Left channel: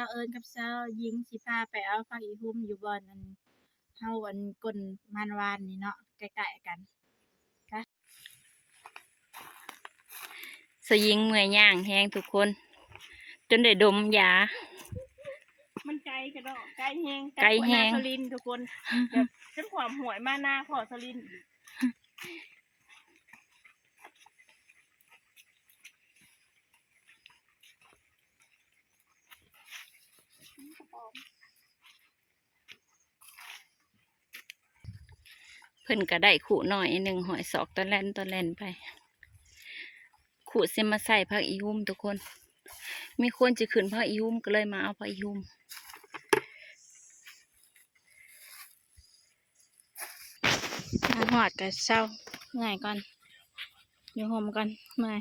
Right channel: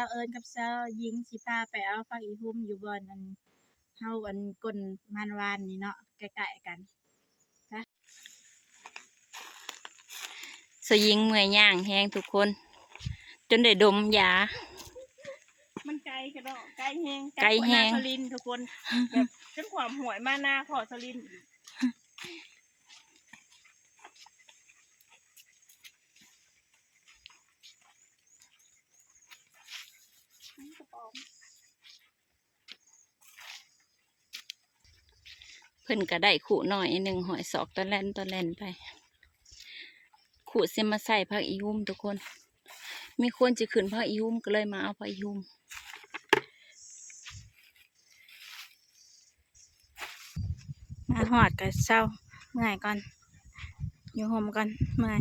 าวเอิญกับสาวหญิงสิพาไปเอาผักอีหุ่มอยู่บ่อนอันเฮาอันก้นมันวานนี่เนาะใกล้ๆกันสยิงเมื่อยย่างแห้งทุกคนจนได้ดมยามันไกลกระดอกไกลแห้ง ไกลแห้ง สลินทุกคนแบบจนความหวยมาหน้าขอสลินเพิ่นก็ได้ขู่หน่อยหนึ่งหอยศอกตอนแล่นไปขู่เสมาใส่ผักอีหุ่มทุกคนมีคนจะขึ้นผักอีหุ่มก็เลยมาเอาผักอีหุ่มมาหอดกับเศร้าเมื่อยก่อนอยู่ห่มก่อนเมื่อย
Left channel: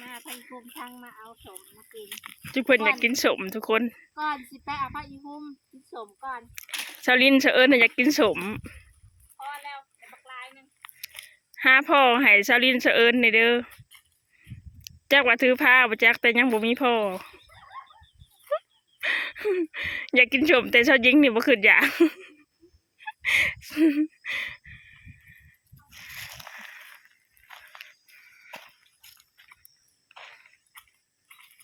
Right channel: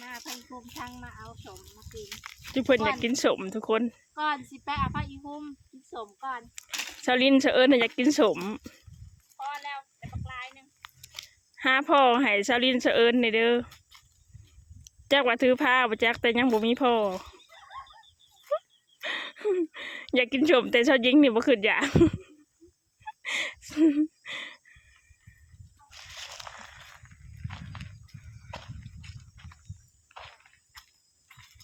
มาพันคุมทั้งมาเอาสมมากิน ทุกคนอยากกินสมทุกคน ก่อนสิไปเอาผักอีหุ่มกินสมก่อน ชาวลินชาวเอิญอยากกินสม พอแล้วแต่ปลายนึง หาพ่อให้ชาวลินชาวเอิญในเด้อจักว่าถือผ้าบ่จักแต่ยังบ่มีพ่อ อยากกินสมแต่ชาวยิงนี่บ่ขึ้นอยาก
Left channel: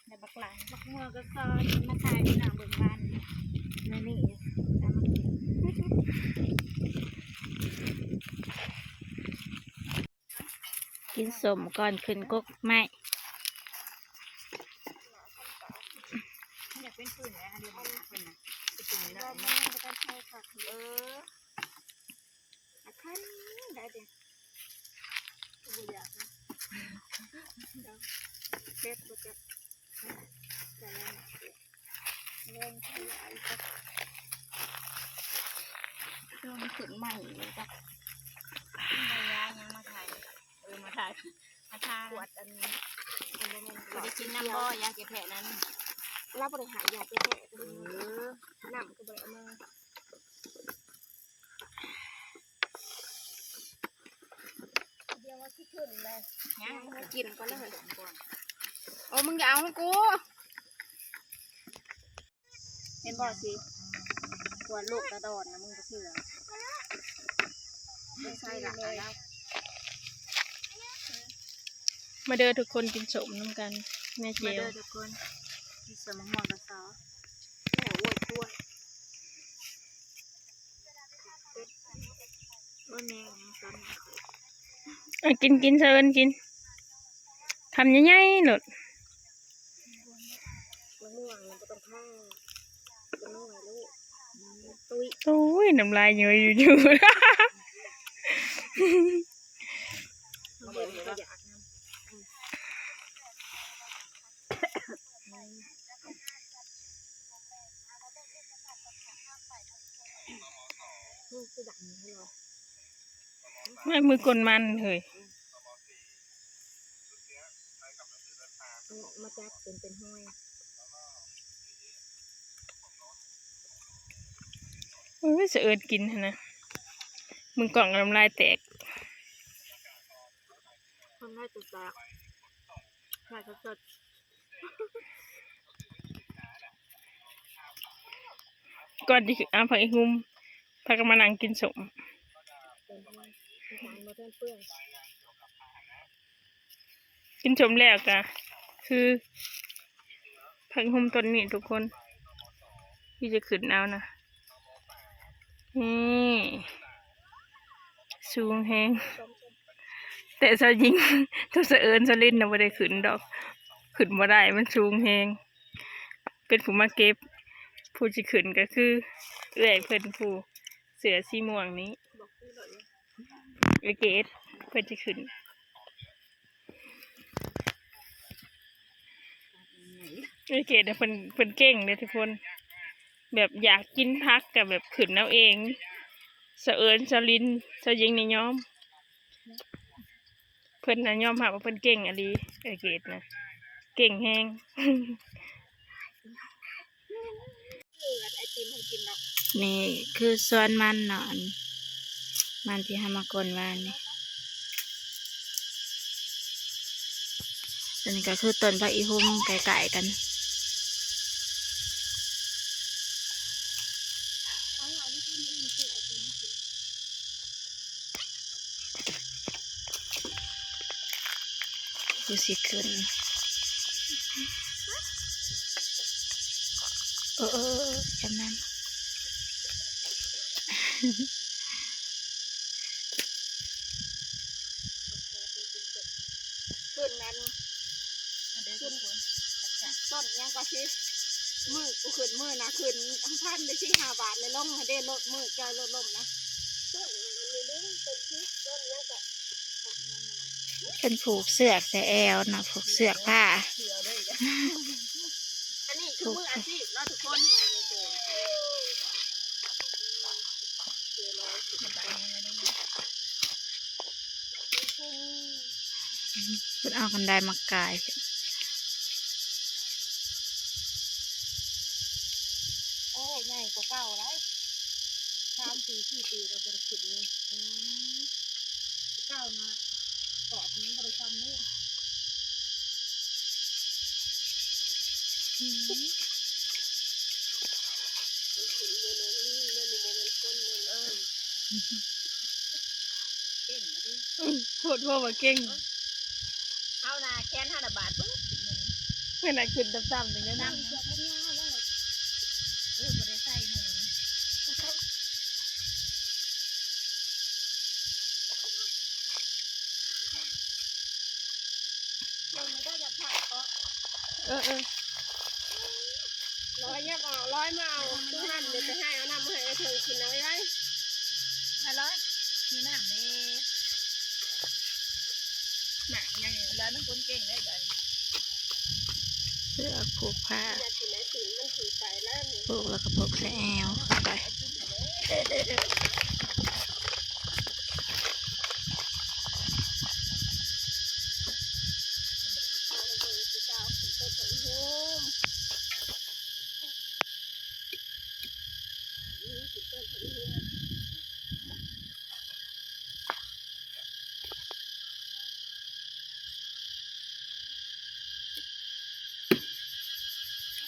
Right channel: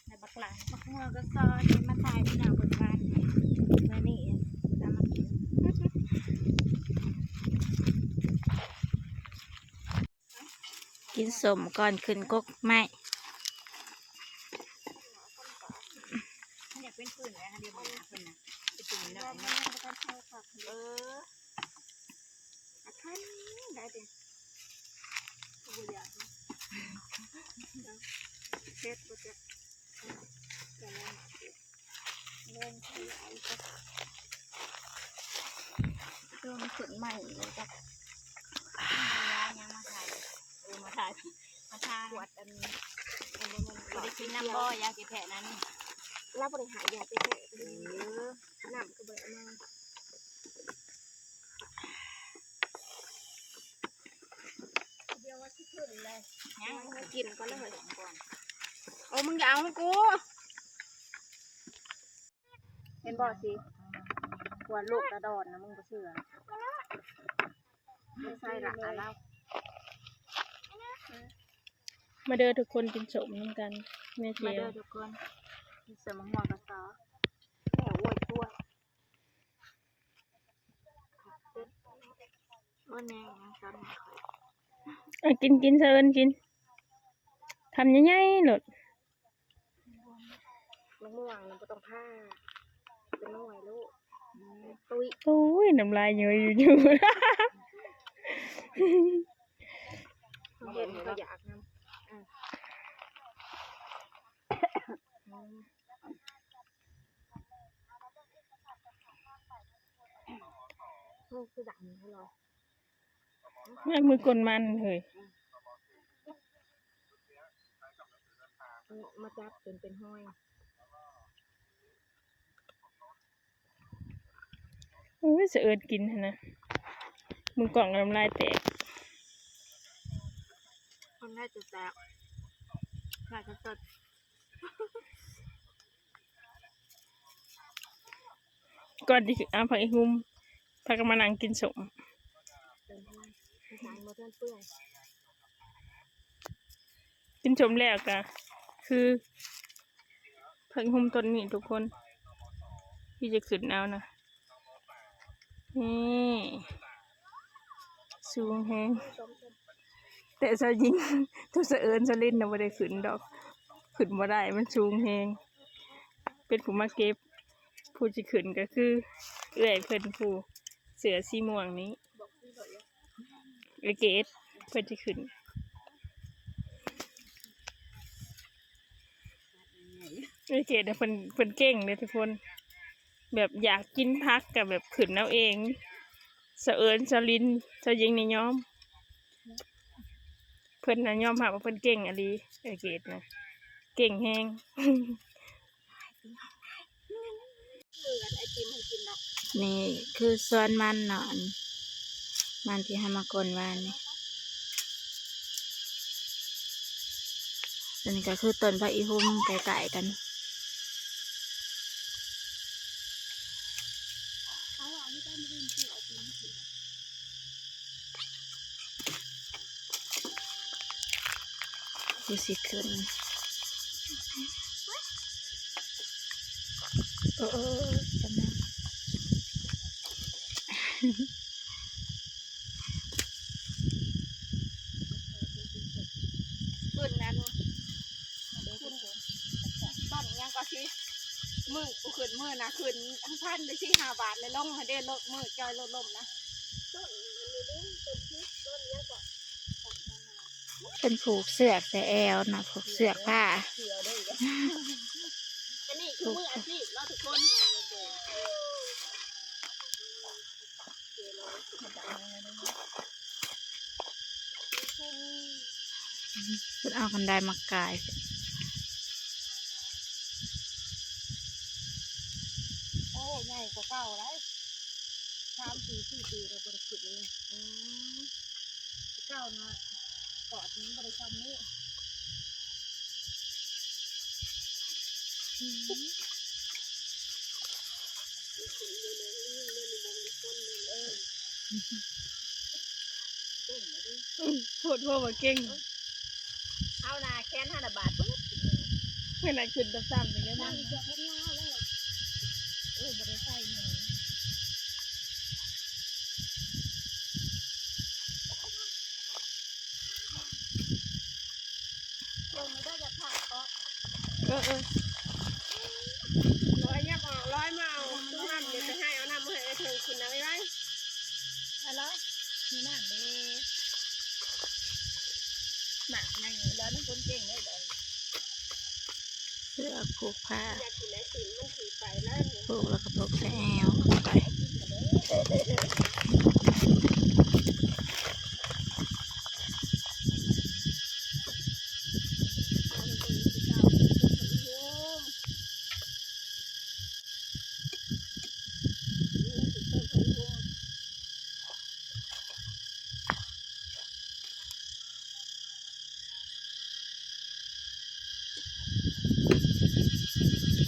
ในบักหลายบักเมือก็ซอนมาถ่ายที่หน้าบนบ้านนั่นนี่ตามมากินสมก่อนขึ้นกกไม้อยากเป็นปืนอะไรเดี๋ยวมันเป็นนะเป็นปืนแล้วมันจะเป็นใช่ค่ะขั้นได้เด็กตัวใหญ่เช็ดก็จะเล่นขยายก็เรื่องมันขึ้นใหม่เลยจ้ะยายังมาถ่ายมาถ่ายมาทาขวดอันบ่ได้กินน้ำบ่ยาเจ็บแผลนั้นเราบริหารยาเจ็บแผลน้ำก็บริมาเดี๋ยวว่าที่ขึ้นเลยยังกินก่อนเลยโอ้มึงอย่าเอาให้กูเห็นบ่สิกวนลูกกระดอนนะมึงก็เชื่อไม่ใช่หลักอะไร มาเด้อทุกคนกินสมน้ำกันแม่เจี มา ยว เด้อทุกคนมีสมองกับซอแม่โว้ยช่วยโอ้แม่ยังซ้ำไม่ค่อย กินเชิญกินทำยังไงหลด มะม่วงมันก็ต้องผ้าเป็นน้อยลูกตุ้ย โอ้ยน้ำลายเยอะอยู่ เห็นก็อยากน้ำลูกคือดังให้เรา แม่มือกลมันเฮ้ย มาจับเป็นห้อย โอ้ยเสือกินนะมึงกล่องน้ำลายแตก คนได้จุดแตกหลายสด ก่อนที่เอาผักอีหุ่มพากันมานั่งกินสม เป็นห้อยสารมาเปื้อน กินสมแล้วกะคือผักอีหุ่มต้นนี้ทุกคนที่จะขึ้นเอานะนี่สูงแฮงแต่สาวยิงตัวเสือเอิญสลินนะไม่ได้ขึ้นดอกขึ้นมาได้มันสูงแฮงเป็นผู้มาเก็บผู้จะขึ้นก็คือเอื้อยเพิ่นผู้เสือสีม่วงนี้เอเกตเพิ่นจะขึ้นเอเกตเนี่ยเพิ่นเก่งเลยทุกคนแบบอยากกินพักกับแบบขึ้นเอาเองเสือเอิญสลินสาวยิงในย้อมเพิ่นน่ะยอมรับว่าเพิ่นเก่งอะลีเอเกตนะ เก่งแฮง ไอติมให้กินเนาะ นี่คือส่วนมันเนาะมันที่หามากลวานนี่ตัวนี้ก็คือต้นพระอีหุ่มไก่ๆกันดูสิขึ้นจำนั้น ขึ้นนั้นขึ้นต้นยังก็คือมือกูขึ้นมือนะขึ้นพันได้ที่5 บาทเลยลงให้ได้ลดมือจอยลดลมนะต้นนี้ต้นที่ต้นนี้ก็ เป็นผูกเสือกใส่แอวเนาะผูกเสือกผ้า อันนี้คือมืออาชีพแล้วทุกคนคุณเอากันไดมากายโอ้ใหญ่กว่าเก่าแล้ว3 ปี 4 ปีเราบริสุทธิ์เลยเก่านะกอดนี้บริษัทนี้เก่งนะดิ โทษว่าว่าเก่ง เอานาแค้น5 บาทปุ๊บ เพื่อนขึ้นต่ำๆอย่างนี้ นั่ นะ งเสือแค่ยาวแล้วบริใส่หนูลงไม่ได้จะผักเพราะ ร้อยยับออกร้อยมาเอาตัวนั้นเดี๋ยวจะให้เอาน้ำให้เธอกินเอาไว้ได้ อะไรมีน้ำเด้หนักยังแล้วน้ำคนเก่งได้เลย เสือกผูกผ้า อยากกินไหนสิมันถือไปแล้วนี่ ผูกแล้วก็ผูกใส่แอวไป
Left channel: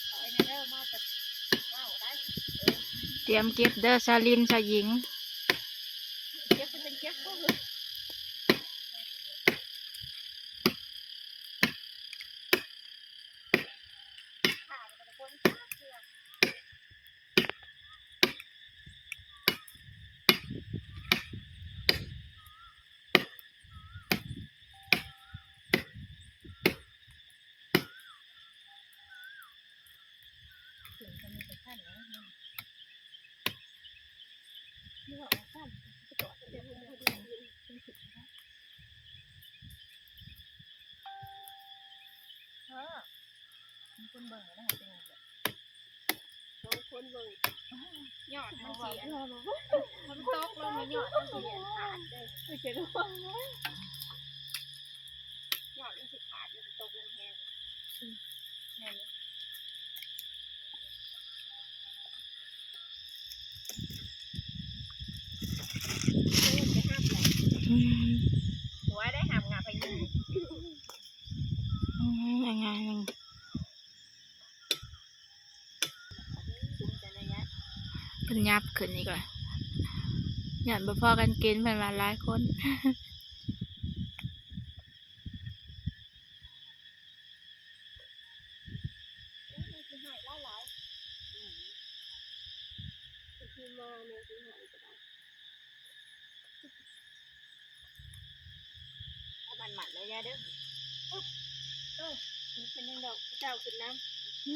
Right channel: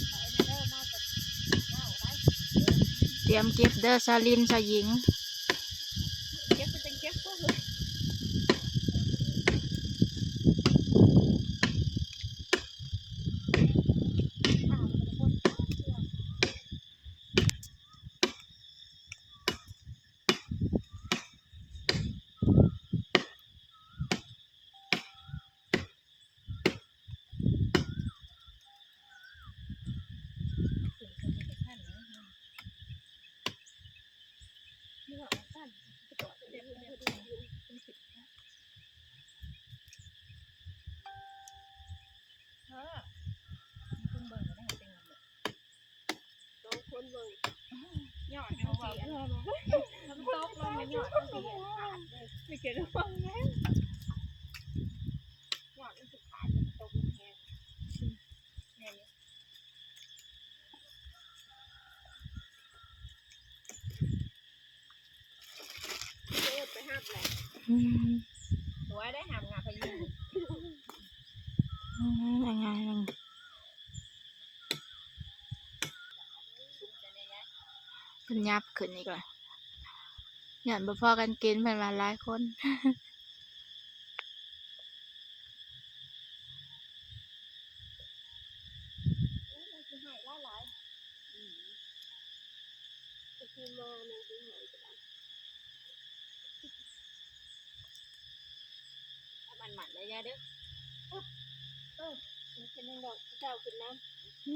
เอาไอ้นั่นเด้อมาแต่เมาได้ เตรียมเก็บเด้อซาลินซาหญิง เก็บเป็นเก็บก็คือผ่านไปคนข้าวเสือถึงจะมีแต่ขั้นนะนี่ว่าขั้นจะกอดเดี๋ยวเป็นสิบนะคนเบิ่งได้เป็นไงเนี่ย สองคนเลย ยอดมันเสียมันตกลงมายอดมันเสียขาดเลย ไม่เกี่ยวกับว่าไง ยอดมันสิขาดมันตกลงแหงเนี่ย ไปห้ามแหละ อืม หัวได้หามงาพยิง ยังไงนึง คุ้มใจระยะ เป็นยับขึ้นอีกเลยหย่อนบ่พอกันกินเป็นวันหลายคน มันคือหายหลาย คือมาเนี่ยคือหายไปแล้ว เอามันหมัดระยะเด้อ มันเป็นยังดอกเจ้าขึ้นน้ำที่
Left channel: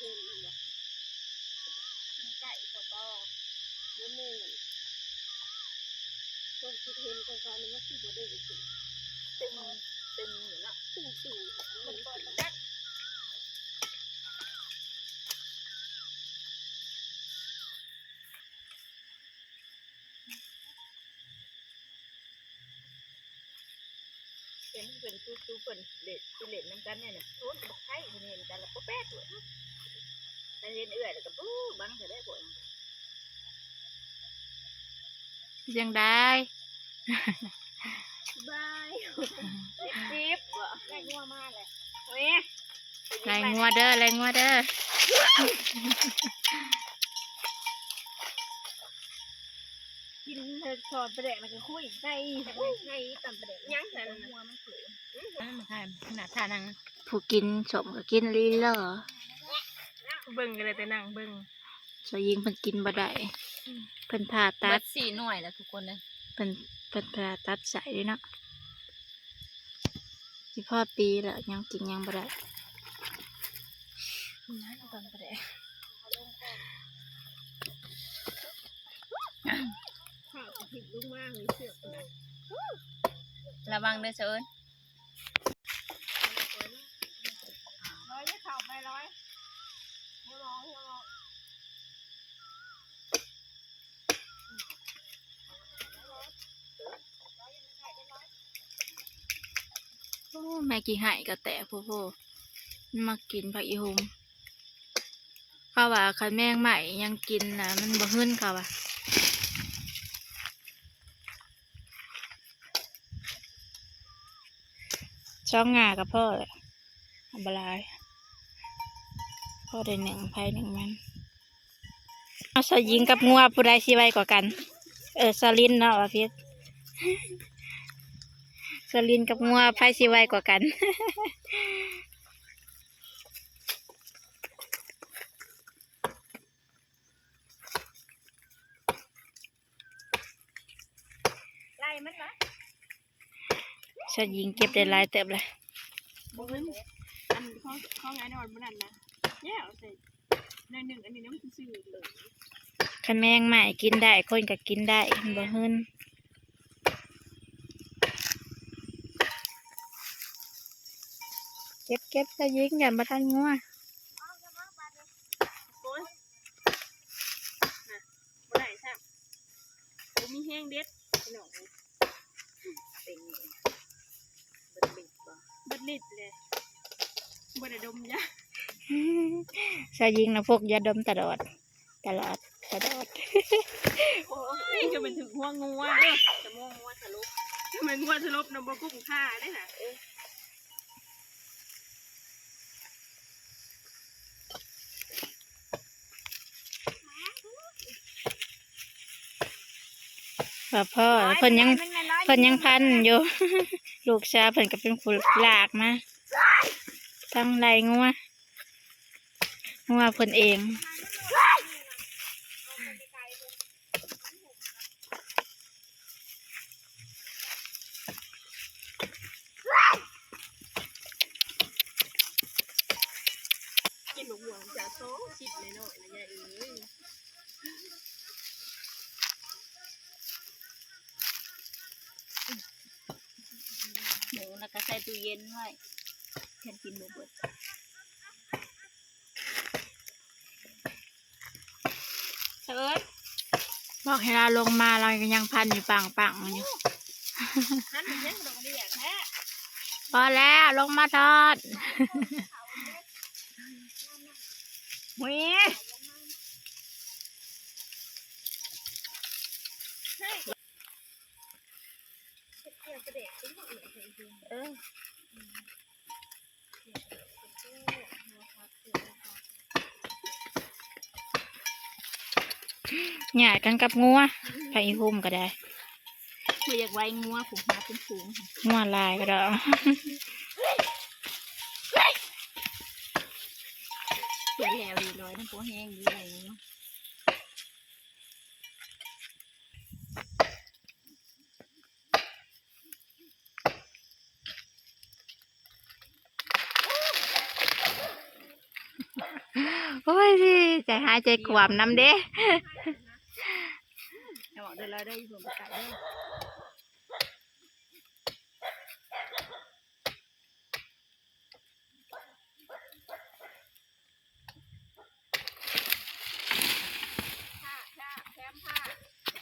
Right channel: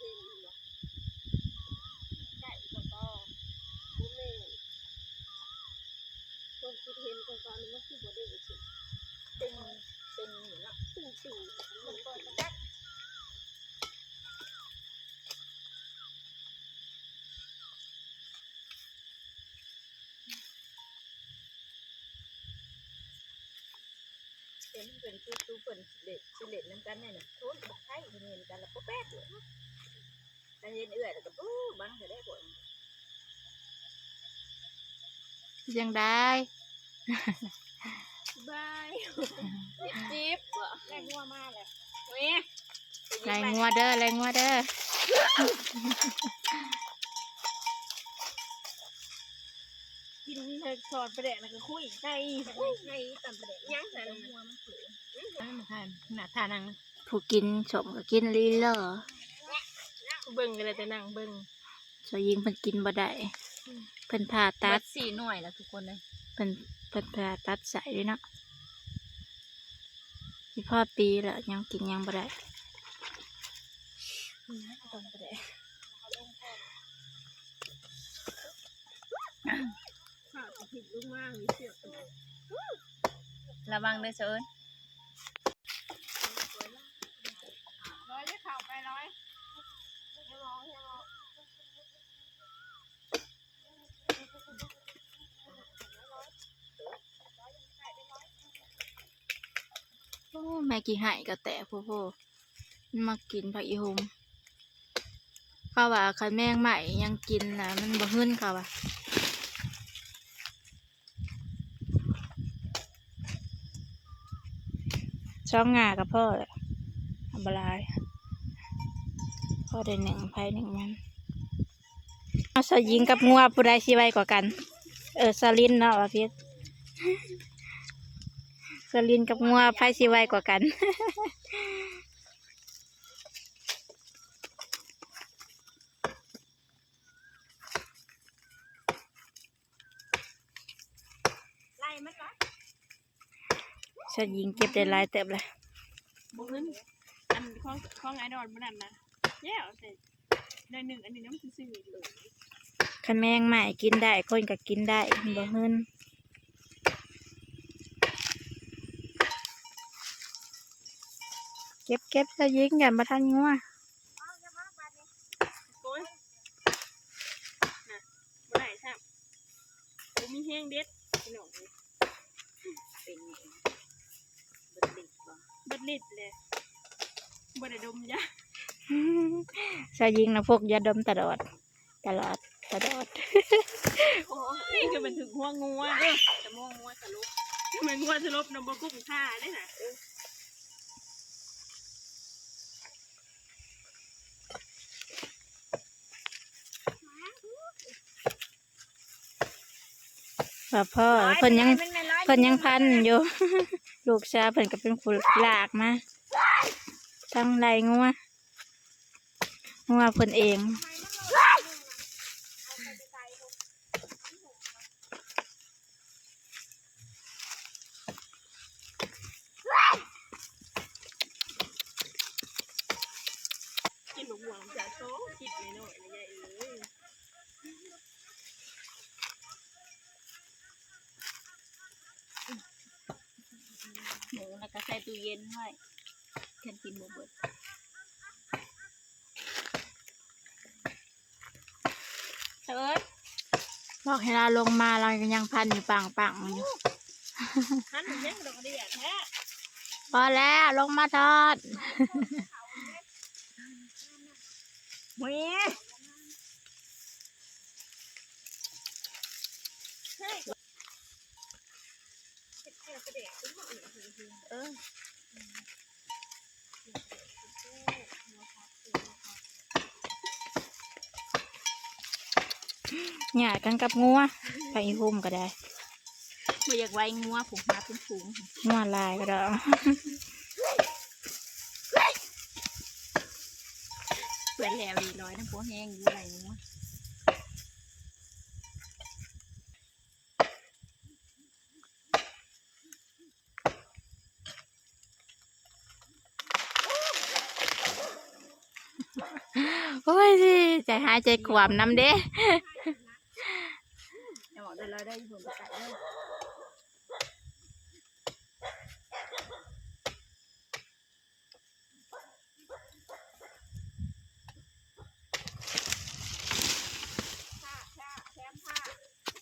เห็นอยู่ ไก่ก็ต่อ นี่แม่ตัวคิดเห็นก่อนๆมันคือบ่ได้กิน ตึงตึงอยู่ละ ตึง มันเปิดประจัก เป็นตู้เปิ่นเล็ดสิเล็ดน้ำกันเนี่ยโทนกับไข่เห็นกันแล้วก็แป๊กเลยแต่เห็นเอื่อยแล้วก็ปู้บังจะได้ผล ยังได้ บาย จิ๊บแรงงัวมากเลยนี่ ไรงัวเด้อไรงัวเด้อ กินเธอสอดประเด็นแล้วก็คุยไก่ ไงตำประเด็น ยังแต่ งัวมันเขือ นั่นมาทานขนาดทานัง ผู้กินสมก็กินลีเลอ เบิ่งกันเลยแต่นั่งเบิ่ง สยิงเพิ่นกินบ่ได้เพิ่นผ่าตั ตั ด ด4 หน่วยแล้วทุกคนเลย เพิ่นผ่าตัดใส่ด้วยเนาะสิพ่อปีแล้วยังกินยังบ่ได้ ตำประเด็น ข้าวจะผิดลูกมากเลยเสือกเลย ระวังด้วยเชิญ ร้อยจะข่าวไปร้อย โอ้แม่กี่หายก็แตะโพมันมากินผักอีหุมเขาว่าคันแมงใหม่ยังกินนะมันบ่หึ้นเขาว่าช่องงากับพ่อแหละอันบลายพ่อได้1 ไผ 1 มันเอาสยิงกับงัวผู้ใดสิไวกว่ากันสลินเนาะว่าพี่ สลินกับงัวไผสิไวกว่ากัน ไล่มันนะ สยิงเก็บได้หลายเติบเลย บุ้งอันข้องไอ้ดอนมันนั่นนะแย่เสร็จในหนึ่งอันนี้น้ำซื่อเลย คันแมงใหม่กินได้คนก็กินได้มันบ่หึ้นเก็บสยิงกันมาทันงัว โอ้ยน่ะบ่ได้ใช่กูมีแห้งเด็ดพี่น้องเลย เป็นไงเบิดลิดบ่ เบิดลิดเลยบ่ได้ดมยา สยิงนะพวกยาดมตลอด โอ้ยจะเป็นถึงหัวงัวเด้ จะม่วงงัวสรุป จะเป็นงัวสลบนำบ่กุ้งท่าได้น่ะ ว่าพ่อเพิ่นยังพันอยู่ ลูกชายเพิ่นก็เป็นผู้ลากมาทั้งไรงัวเพิ่นเอง กินหมกหวานจะโซ่ชิดหน่อยๆนะยายเอ้ย หมูแล้วก็ใส่ตู้เย็นไว้แค่กินบ่เบิดเชิญ บอกให้เราลงมาเรายังพันอยู่ปังอยู่ หันไปยังดอกเดียแท้ พอแล้วลงมาทอด หุย เออ หยาดกันกับงัวไปหุ่มก็ได้ บ่อยากไว้งัวผูกมาเป็นฝูง งัวลายก็ได้ เปื่อนแล้วดีร้อยน้ำโพแห้งอยู่ไรงัว โอ้ยใจหายใจขวามน้ำเด้ ให้บอกเดี๋ยวเราได้อยู่บนไก่เด้อ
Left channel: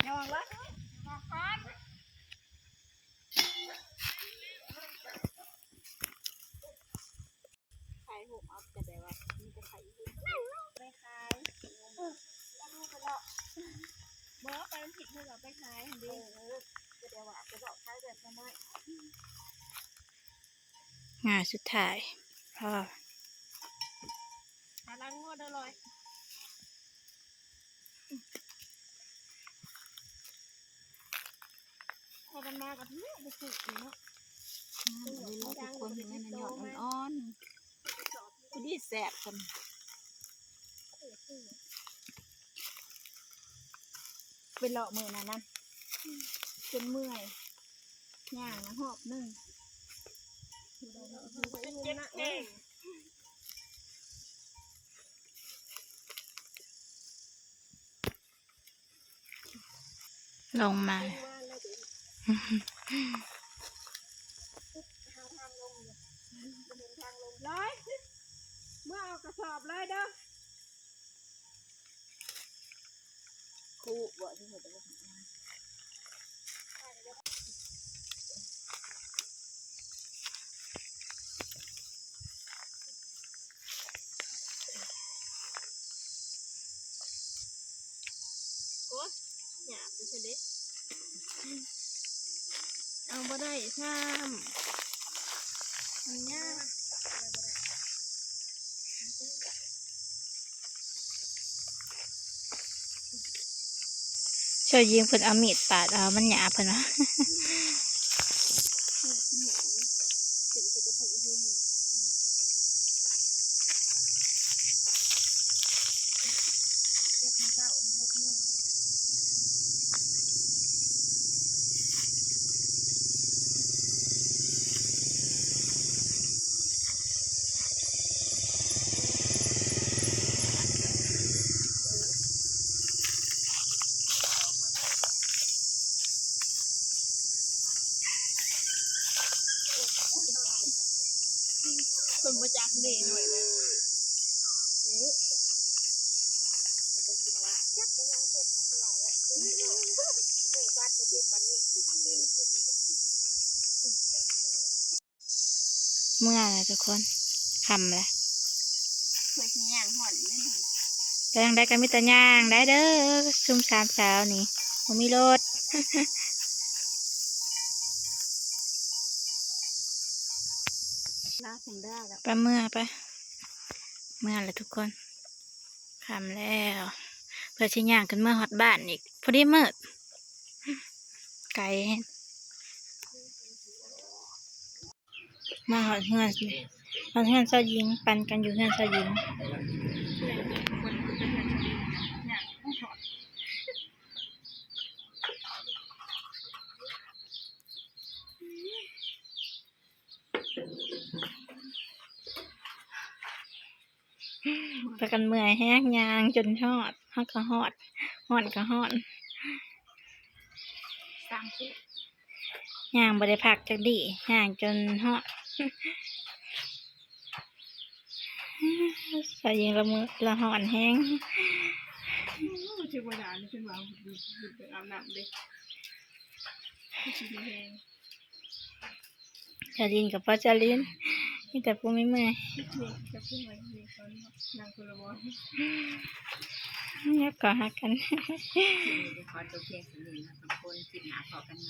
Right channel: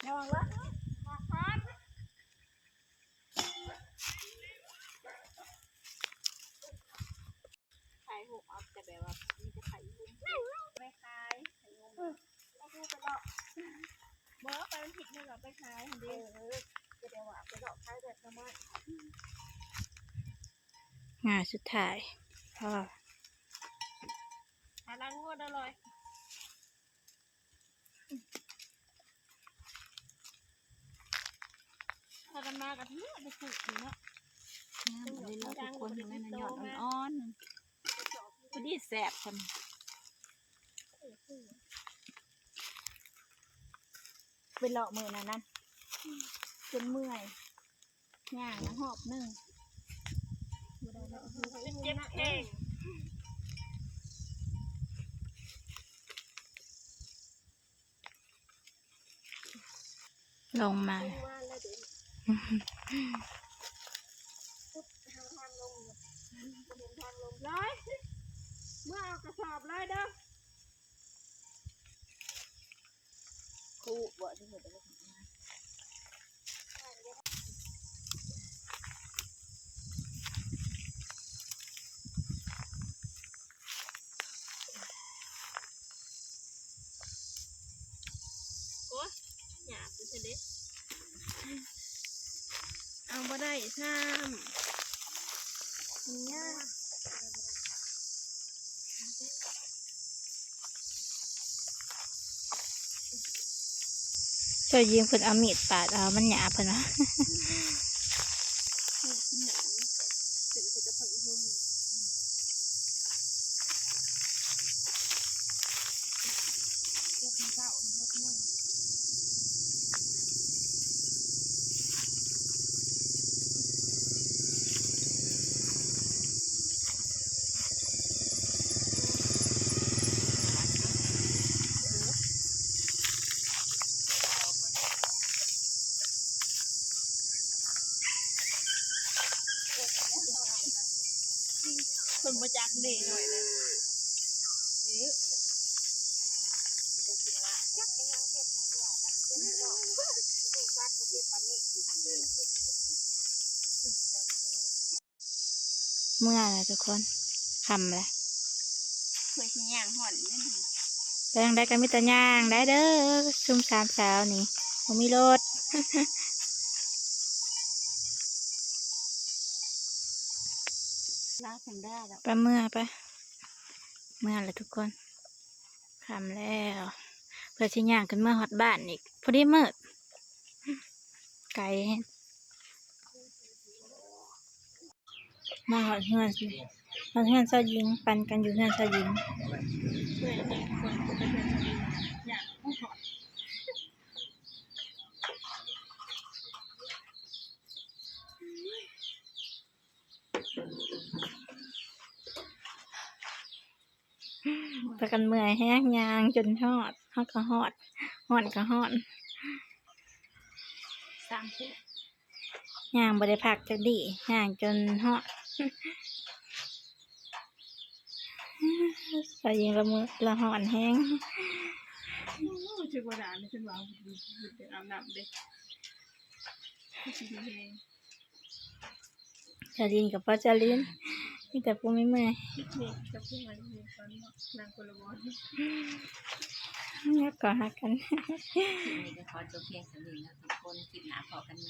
ยองวะ บ่ไปมันผิดเท่ากับไปขายหั่นเด้จะได้ว่าไปดอกขายแบบนั้น งานสุดท้ายพ่อ หาล้างงวดอร่อยพากันมากับเนี้ยไปปลูกอยู่เนาะ อันนี้เราทุกคนอยู่ในหยอดอ่อนๆพอดีแสบกันเป็นเลาะมือนะนั่นจนเมื่อยย่างนะหอบนึง เจ็บเอง ลงมา ร้อยเมื่อเอากระสอบร้อยเด้อ ครูบอกที่เหตุอะไร โอ้ยหยาบดูสิเด็กเอาบ่ได้ซ้ำมันยาก ช่วยยิงเพิ่นเอามีดปาดเอามันหยาบเพิ่นว่า ถึงจะผักหุ่ม คนมาจากเด่หน่อยเลยเมื่อไรทุกคนคำเลย เคยขี้ย่างห่อนนั่น ไปทางใดกันมิตรย่างได้เด้อซุ่มสามสาวนี่ผมมีรถ ลาแพนด้าแล้ว ไปเมื่อไปเมื่อเลยทุกคนคำแล้วเพื่อชิย่างกันเมื่อฮอดบ้านอีกพอดีมืดไกลมาหอดเฮือนหอดเฮือนเจ้าหญิงปันกันอยู่เฮือนเจ้าหญิง เพื่อนคนเป็นเพื่อนชนิดอย่างผู้ถอด ไปกันเมื่อยแห้งยางจนฮอดฮอดก็ฮอดฮอดก็ฮอด สร้างผู้ ย่างบ่ได้พักจักดีย่างจนฮอด เจ้าหญิงละมือละหอนแห้ง ชื่อว่าด่านี่ฉันวางบุญเป็นอาบน้ำเด็กชื่อเพลง เจ้าหญิงกับพ่อเจ้าลินมีแต่ผู้ไม่เมื่อย นี่ก็ชื่ออะไรเพลงตอนนางคนละวัน ยักก่อหักกัน ขอจบเพียงสำนึกนะทุกคนคลิปหนาพอกันไหม